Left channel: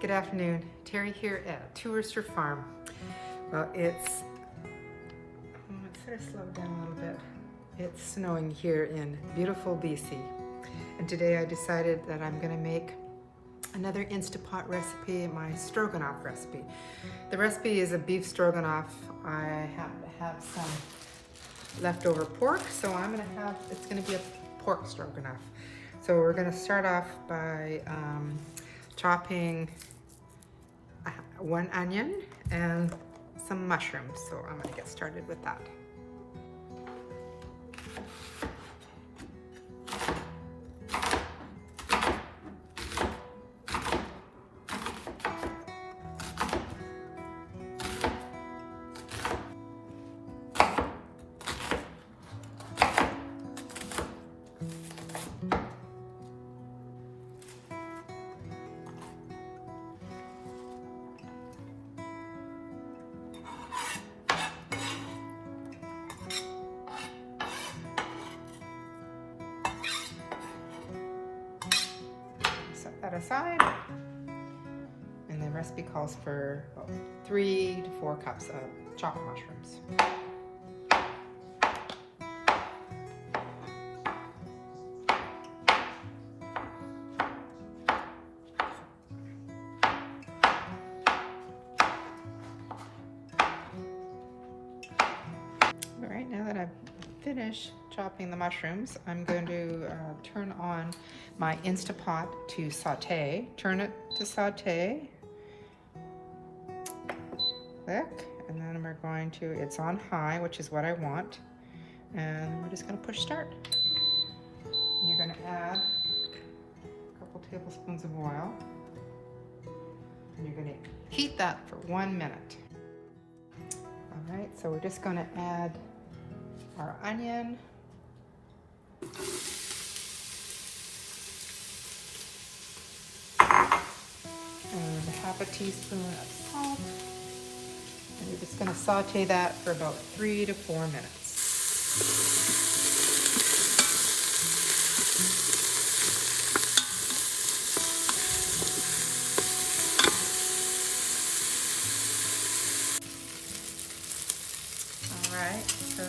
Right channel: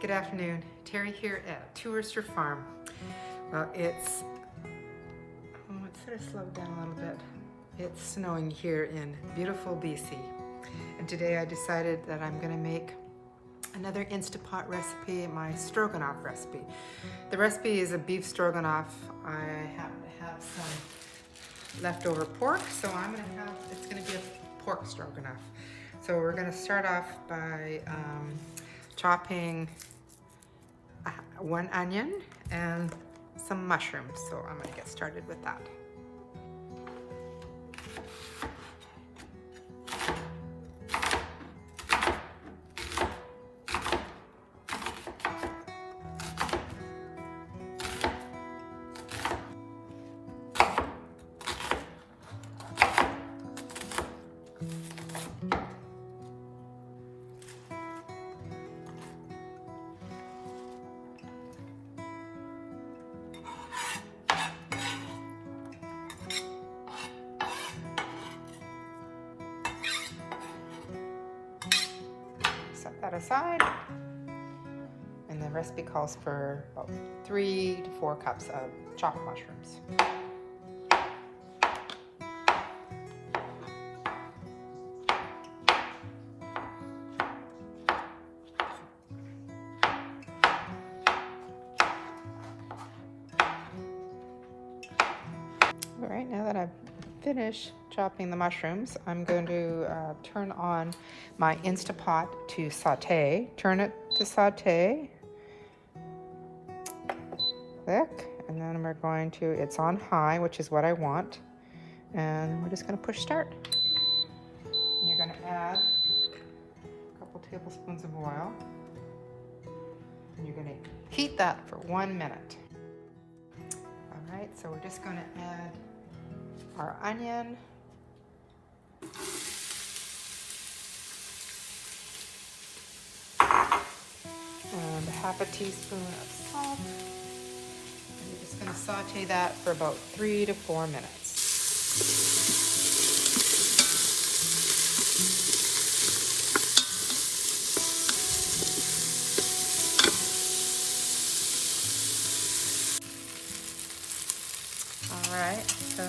Good afternoon. Terry here at Rooster Farm. Well, it's sort of slowed down a little bit. It's snowing here in beautiful BC. And today I decided that I'm going to make another Instapot recipe, my Stroganoff recipe. The recipe is a beef Stroganoff. I happen to have some leftover pork, so it's going to be a pork Stroganoff. So we're going to start off by chopping one onion and some mushrooms. So I'm going to get started with that. That aside, and the recipe calls for about 3 to 4 cups of chopped mushrooms. All right, now that I've finished chopping the mushrooms, I'm going to turn on my Instapot to saute. Turn it to saute. Click, and then we're going to, it's on high, which is what I want. And we're just going to push start. And you're going to add a couple tablespoons of oil. And you're going to heat that for 1 minute. All right, so we're just going to add our onion. And half a teaspoon of salt. And you're just going to saute that for about 3 to 4 minutes. All right, so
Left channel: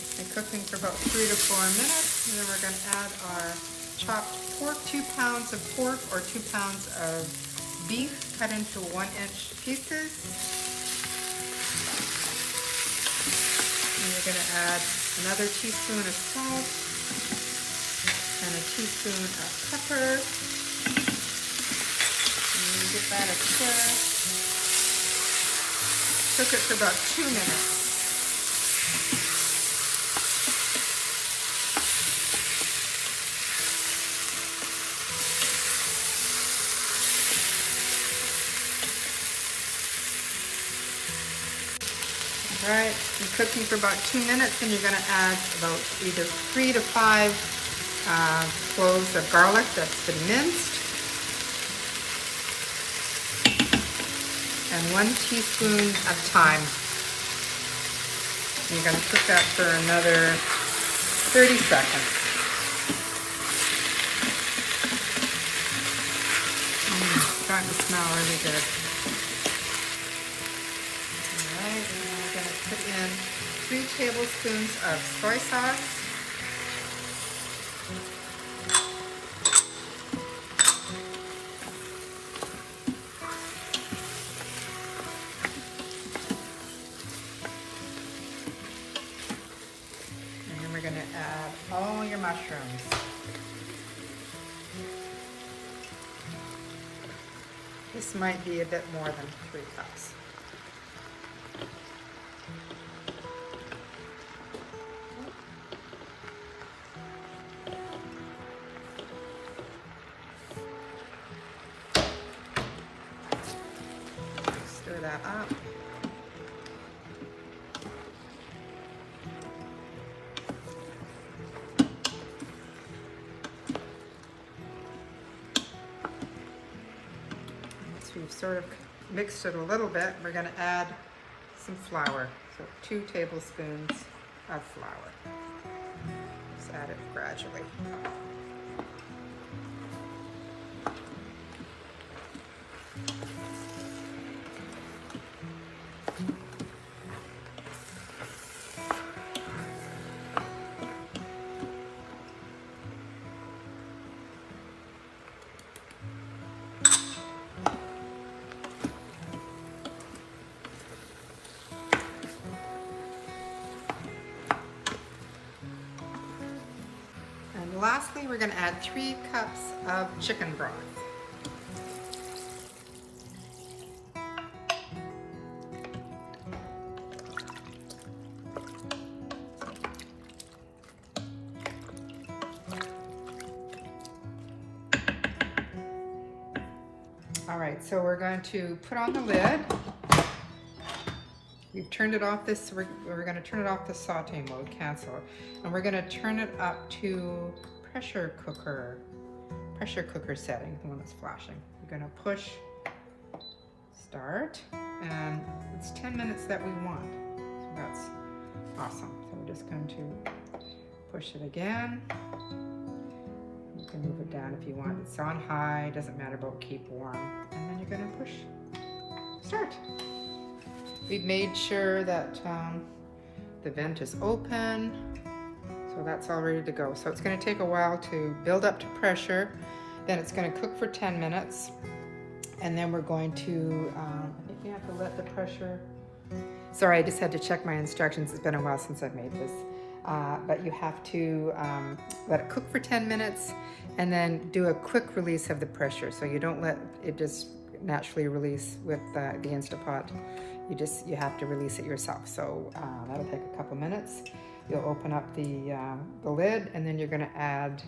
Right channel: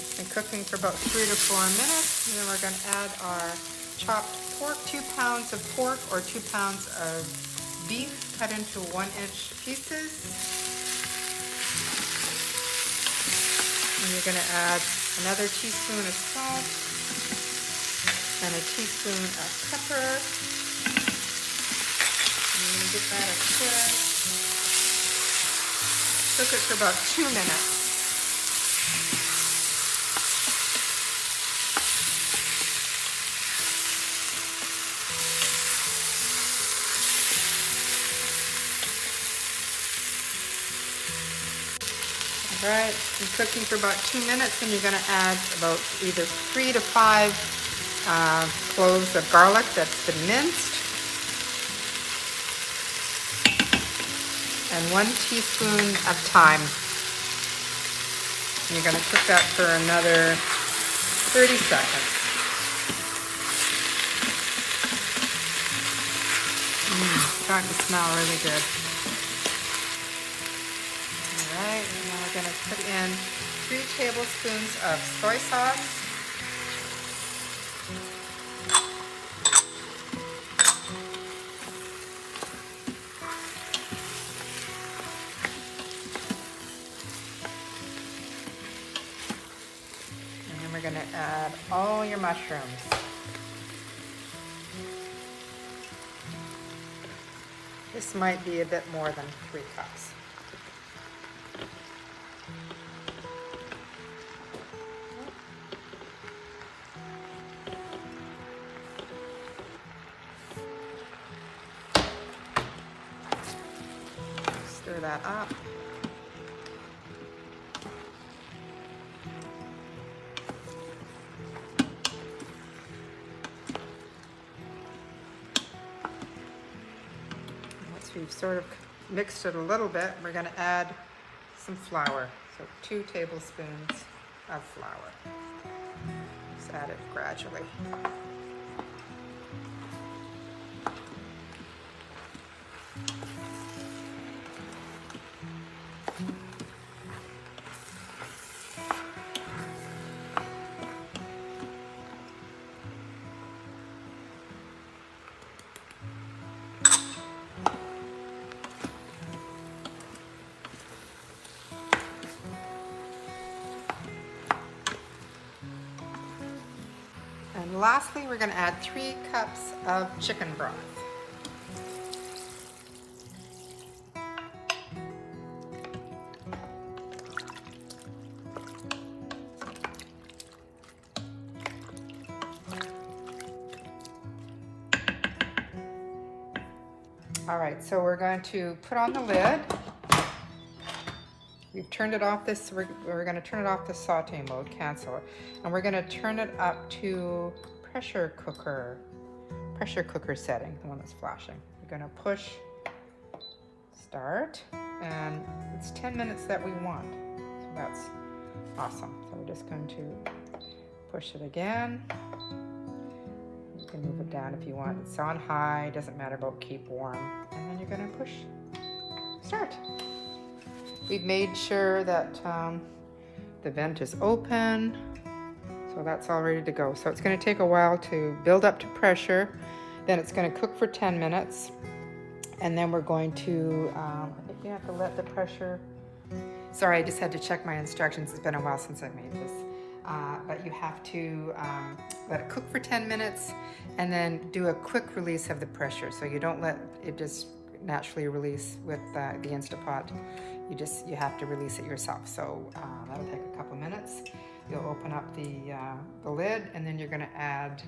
it's been cooking for about 3 to 4 minutes. And then we're going to add our chopped pork, 2 pounds of pork or 2 pounds of beef cut into 1-inch pieces. And you're going to add another teaspoon of salt and a teaspoon of pepper. And you give that a stir. Cook it for about 2 minutes. All right, I'm cooking for about 2 minutes, and you're going to add about either 3 to 5 cloves of garlic that's been minced, and 1 teaspoon of thyme. You're going to cook that for another 30 seconds. It's starting to smell really good. Put in 2 tablespoons of soy sauce. And then we're going to add all your mushrooms. This might be a bit more than 3 cups. Stir that up. Once we've sort of mixed it a little bit, we're going to add some flour. So 2 tablespoons of flour. Just add it gradually. And lastly, we're going to add 3 cups of chicken broth. All right, so we're going to put on the lid. We've turned it off this, we're going to turn it off the saute mode, cancel it. And we're going to turn it up to pressure cooker setting, the one that's flashing. We're going to push start, and it's 10 minutes that we want. So that's awesome. So we're just going to push it again. You can move it down if you want. It's on high, doesn't matter about keep warm. And then you're going to push start. We've made sure that the vent is open, so that's all ready to go. So it's going to take a while to build up to pressure, then it's going to cook for 10 minutes, and then we're going to, I think you have to let the pressure, sorry, I just had to check my instructions, it's been a while since I've made this, but you have to let it cook for 10 minutes, and then do a quick release of the pressure, so you don't let it just naturally release with the Instapot. You have to release it yourself. So that'll take a couple minutes. You'll open up the lid, and then you're going to add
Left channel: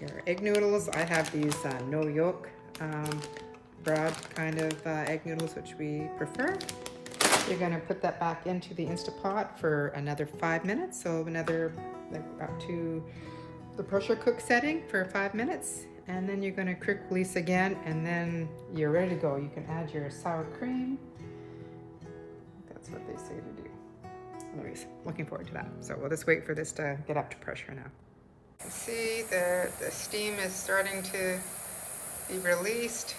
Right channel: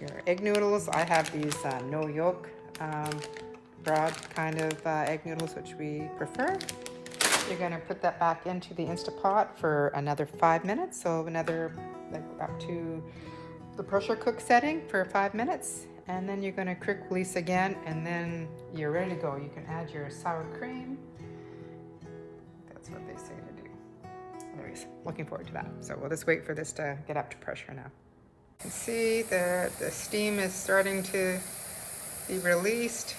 your egg noodles. I have these no yolk, broad kind of egg noodles, which we prefer. You're going to put that back into the Instapot for another 5 minutes. So another up to the pressure cook setting for 5 minutes. And then you're going to quick release again, and then you're ready to go. You can add your sour cream. That's what they say to do. Anyways, looking forward to that. So we'll just wait for this to get up to pressure now. You can see that the steam is starting to be released.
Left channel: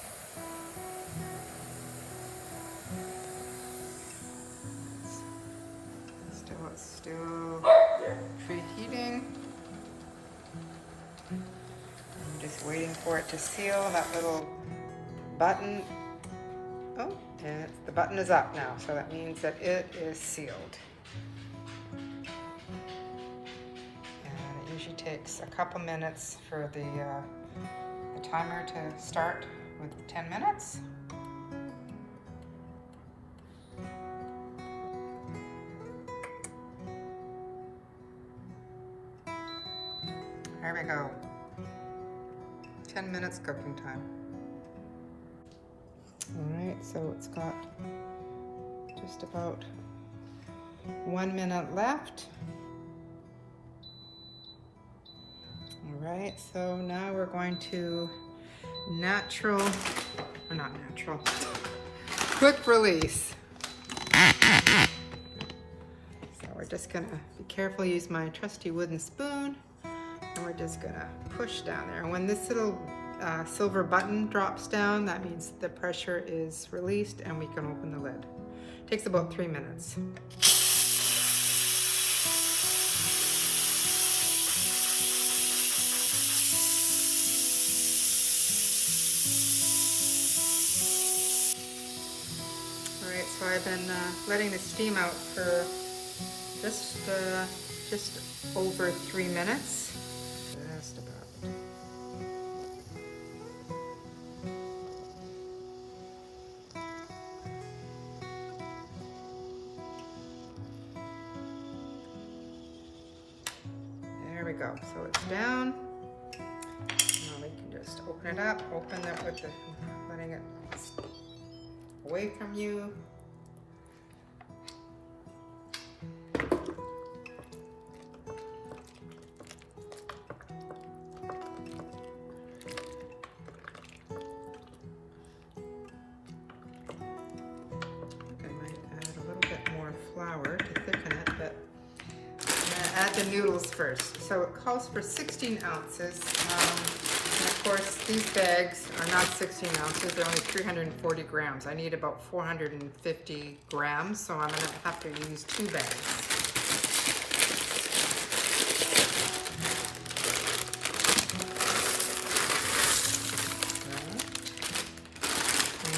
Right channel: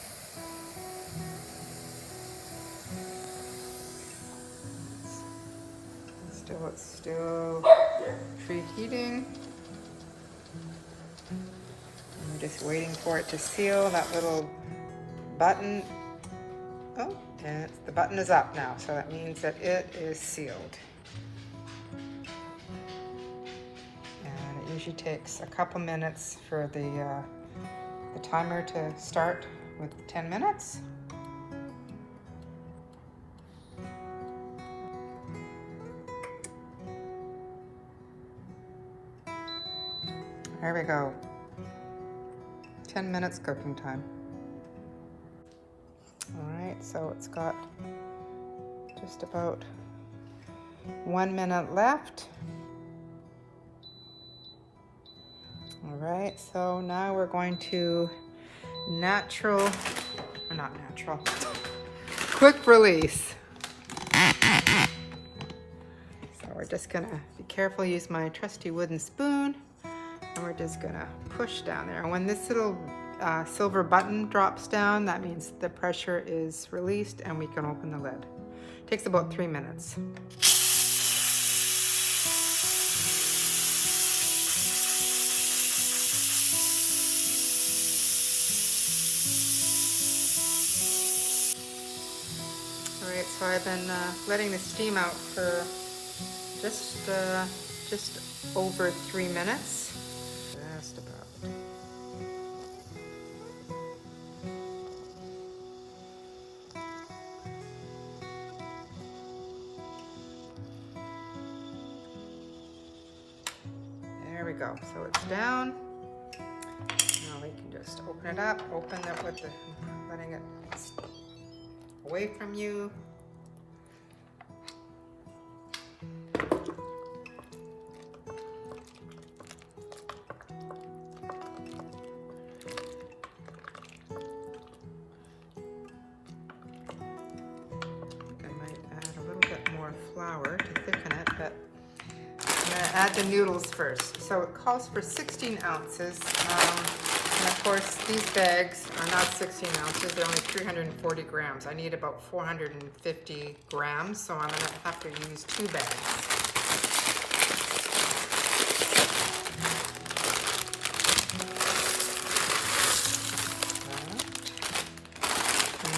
It's still preheating. I'm just waiting for it to seal. That little button. Oh, and the button is up now, so that means that it is sealed. And it usually takes a couple minutes for the timer to start with 10 minutes. There we go. 10 minutes cooking time. Alright, so it's got just about 1 minute left. Alright, so now we're going to quick release. So we're just gonna be careful, use my trusty wooden spoon. We're just gonna push down there. And when this little silver button drops down, that means the pressure is released and we can open the lid. It takes about 3 minutes. All right, so I've been letting the steam out for just over 3 minutes. Just about. There we go. So it's down. Now we can just open it up. Open it with the letting it away from you. Flour to thicken it, but I'm going to add the noodles first. So it calls for 16 ounces. And of course, these bags are not 16 ounces, they're only 340 grams. I need about 450 grams, so I'm gonna have to use 2 bags.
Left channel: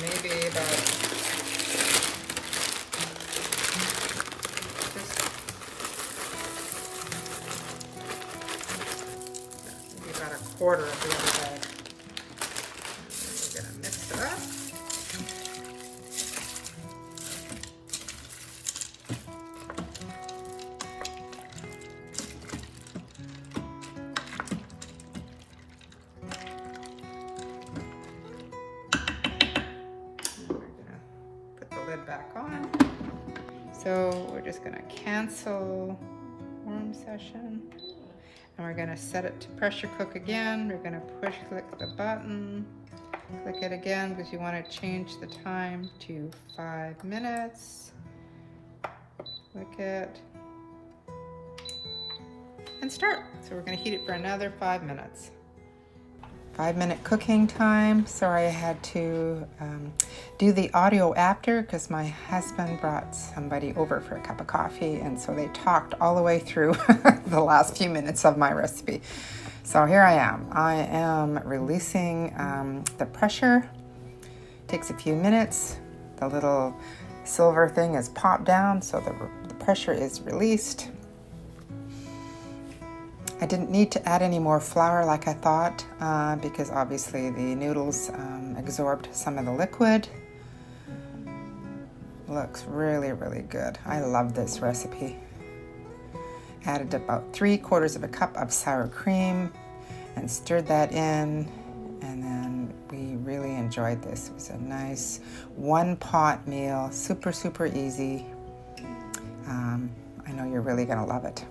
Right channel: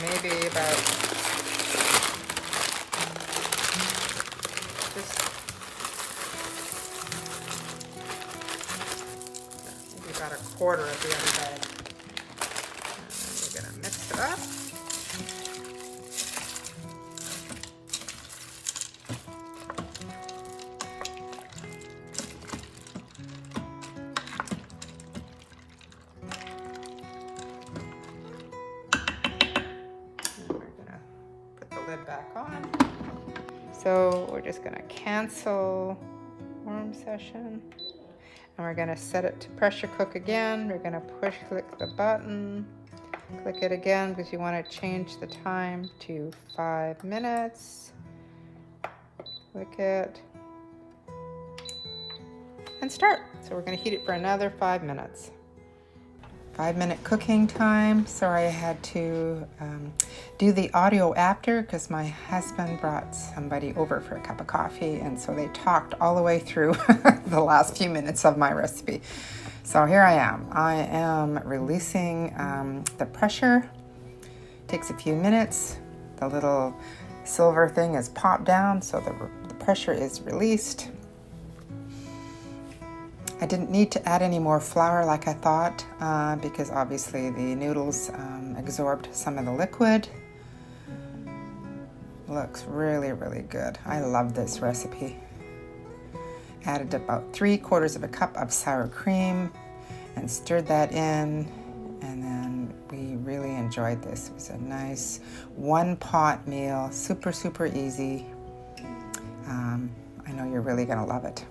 Maybe about a quarter of the other bag. We're gonna mix it up. Put the lid back on. So we're just gonna cancel warm session. And we're gonna set it to pressure cook again. We're gonna push click the button, click it again because you wanna change the time to 5 minutes. Click it, and start. So we're gonna heat it for another 5 minutes. 5-minute cooking time. Sorry I had to do the audio after because my husband brought somebody over for a cup of coffee, and so they talked all the way through the last few minutes of my recipe. So here I am. I am releasing the pressure. Takes a few minutes. The little silver thing is popped down, so the pressure is released. I didn't need to add any more flour like I thought because obviously the noodles absorbed some of the liquid. Looks really, really good. I love this recipe. Added about 3/4 of a cup of sour cream and stirred that in, and then we really enjoyed this. It was a nice 1-pot meal, super, super easy. I know you're really gonna love it.